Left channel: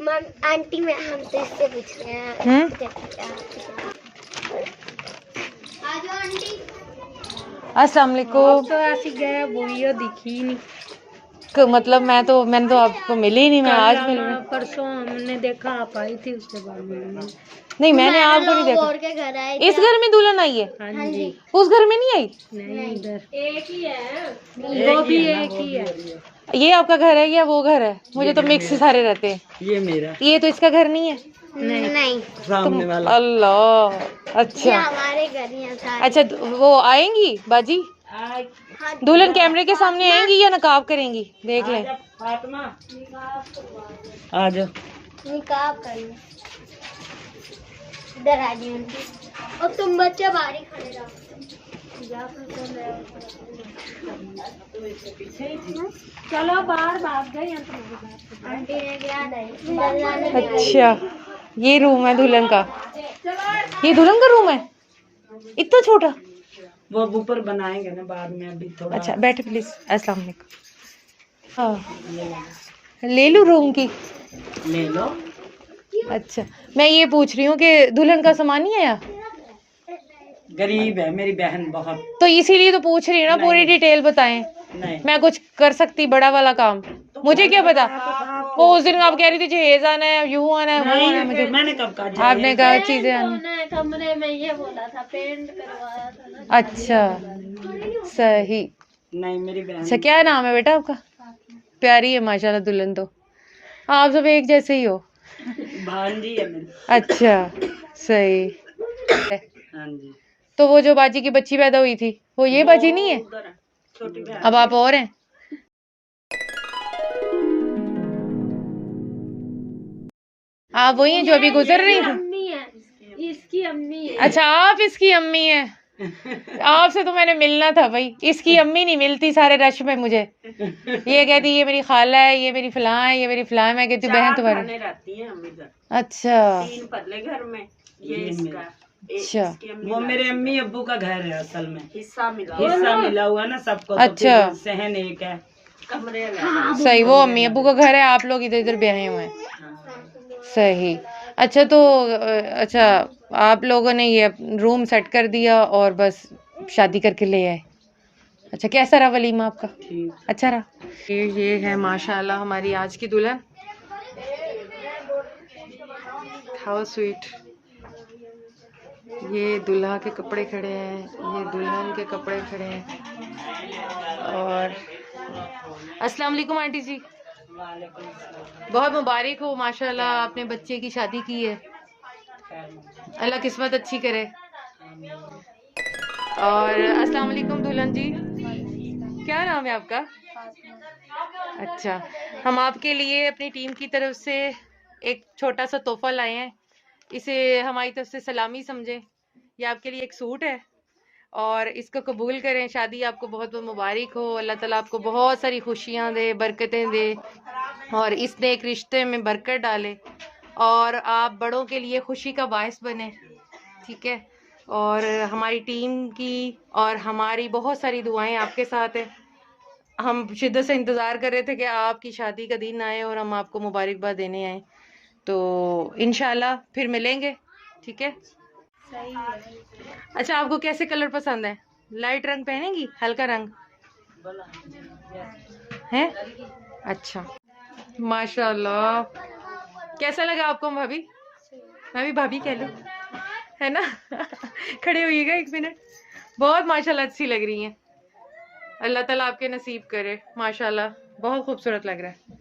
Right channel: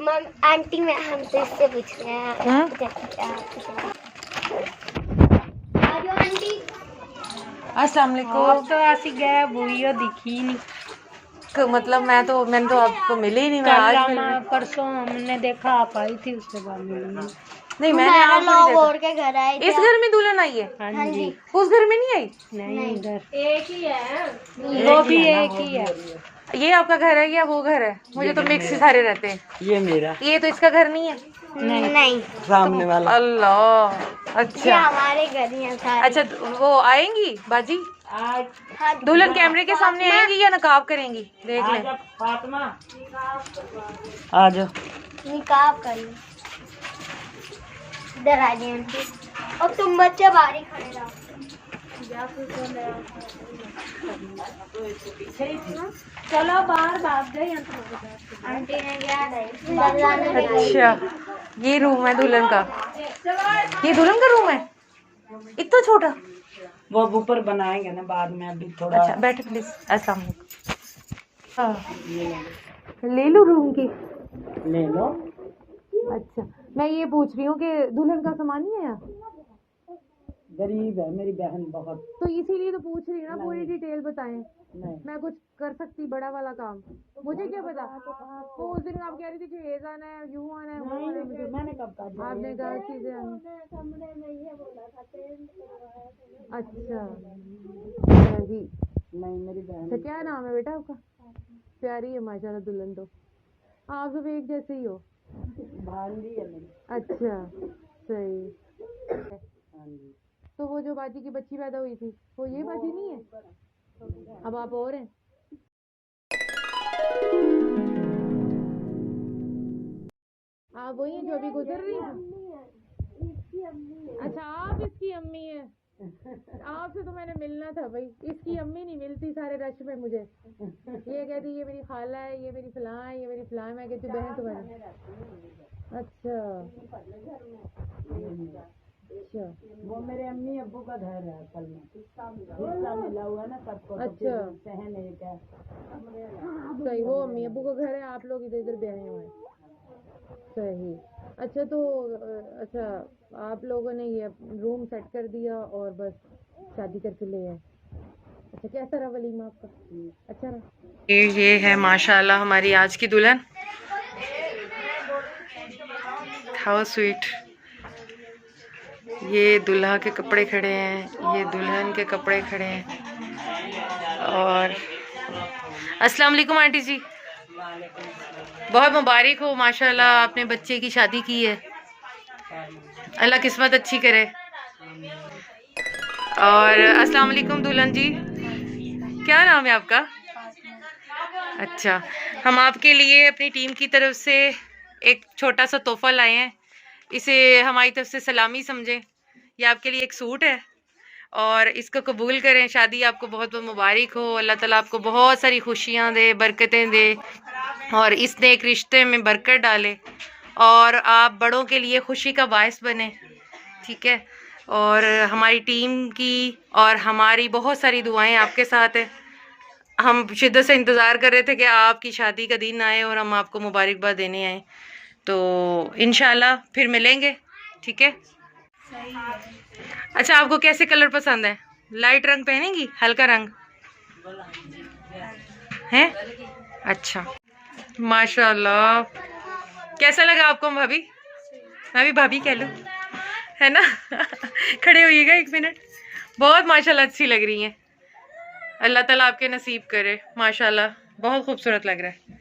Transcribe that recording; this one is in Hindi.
मम आंटी मैं हमसे इससे पूछ रहे हैं अस्सलाम वालेकुम। तो ऐसी गया वही दिखी नहीं मतलब मैंने तो आपको मिली नहीं। मैं आज मिल रही परसों हमने देखा आप आई थी, उसके बाद नहीं मैंने आपको नहीं देखा। के घर आए इस घर में दुल्हन आई है? हाँ जी। उस घर में नहीं आई? नहीं, इधर एक ही है, वो भी एक ही है। ये आपका घर है या वो घर है? मुझे तो मिक्स ही सारे रहते हैं। ये मेरा, ये तो इसका घर नहीं है। नहीं सामने वाला। अल्लाह अच्छा। ये हमारे घर ही है सारे। अच्छा वो आएंगी बाजी? दुल्हन कैमरे के सामने आएंगी या नकाब करेंगी? देख लें। फातिमा आ जाओ। निकाब कर लो, इधर आ जाइए आंटी। और तुम बच्चे बाहर ही खड़े रहो। चलो बाहर भाग गए। आंटी ने क्या नहीं। अच्छा ये रूम है दुल्हन का? ये दुल्हन का रूम है? इतना छोटा? वो ऊपर बनाएंगे ना बाद में, अभी थोड़ा। अच्छा बैठे प्लीज। अस्सलाम वालेकुम। ले लो रूम की? ले लो। अच्छा मैं ये पूछ रही हूँ कि दुल्हन का सामान नहीं आया? गरीब है मेरी बहन बहुत। तो इसीलिए तो पूछ रही हूँ ना, पूरी डिटेल बताएं। नहीं मैं कुछ कर सकती बड़ा वाला काम? मुझे क्या पता। वो उस दिन आप कह रही थी जहेज आना है, यूं आना है, वो आना है। मुझे मैंने कब कहा? आपने कहा चीजें आना। कमरे में ये बोला था पेंट करवाया था ना। अच्छा सही। नहीं मेरी बहन। अच्छा क्या नाम है बेटा आपका? प्यारी है माशाल्लाह दुल्हन तो। आप सब एक जैसे ही हो। भांजी है मेरी। अच्छा सही। हाँ जी। तो वो जो बाजी की बच्ची पैदा हुई थी वो ये बाजी नहीं है? छोटी बहन। अब आप और हैं? आप वही हैं जो अभी गुजर रही थी? अम्मी है, इसकी अम्मी है। अच्छा आप इसकी अम्मी हैं। आपसे तो मैंने मिलना था भाई। इसकी अम्मी नहीं मिलती सारे रश में मुझे। ये कहती ये मेरी खाला है, ये मेरी फलां है, ये मेरी फलां है। मैं कहती हूँ बहन तुम्हारी। रहती है हम इधर। अच्छा 3 पतले घर में। ये इसका। अच्छा वो मेरे अम्मी अब्बू का घर है असल में। हिस्सा मिला हुआ ना सबको। तो अच्छा। फिर सहन एक है, कमरे सही। वो अम्मी अब्बू का घर है, आप लोग इधर इधर ब्याहे हुए हैं। सही। अच्छा तो अच्छा आप लोगों ने ये रूम सेट कर दिया और बस शादी करके ले आए। अच्छा कैसा रहा वलीमा आपका? अच्छा रहा। ये है माशाल्लाह हमारी आज की दुल्हन। How sweet. ये दुल्हा के कपड़े खड़े हैं, ये दुल्हन के कपड़े खड़े हैं। और अस्सलाम वालेकुम आंटी जी। बहुत मुबारक हो माशाल्लाह, आपने बच्चे की शादी की है। अल्लाह किस्मत अच्छी करे। और अस्सलाम वालेकुम दुल्हन जी, क्या नाम है आपका? अच्छा हम आपके लिए अपनी टीम की तरफ से एक छोटा सा तोहफा लाए हैं। इसे हमारी तरफ से सलामी समझें। ये आपके लिए एक सूट है और इसको कबूल करें। शादी आपको बहुत बहुत मुबारक हो। अल्लाह ताला आपको बहुत सारी खुशियाँ दे, बरकतें दे और इस नेक रिश्ते में बरकत डाले और आप बड़ों के लिए खुशी का बायस बने। ठीक है। और हमारी टीम की और हमारी बहुत सारी दुआएं आपके साथ हैं। हम शिद्दत से इंतज़ार कर रहे थे कि आपकी शादी का दिन आए और हम आपको मुबारकबाद देने आए। तो इंशाल्लाह फिर मिलेंगे। ठीक है। अच्छा आपको कैसे कलर पसंद है? लाइट रंग पहनेंगी, हल्का रंग है? अच्छा माशाल्लाह। कैसा लगा आपको भाभी? मैं भी भाभी कह लूँ है ना? खड़े होइएगा 1 मिनट। बहुत माशाल्लाह अच्छी लग रही हैं। अल्लाह ताला आपके नसीब करे। माशाल्लाह बहुत खूबसूरत लग रहा है।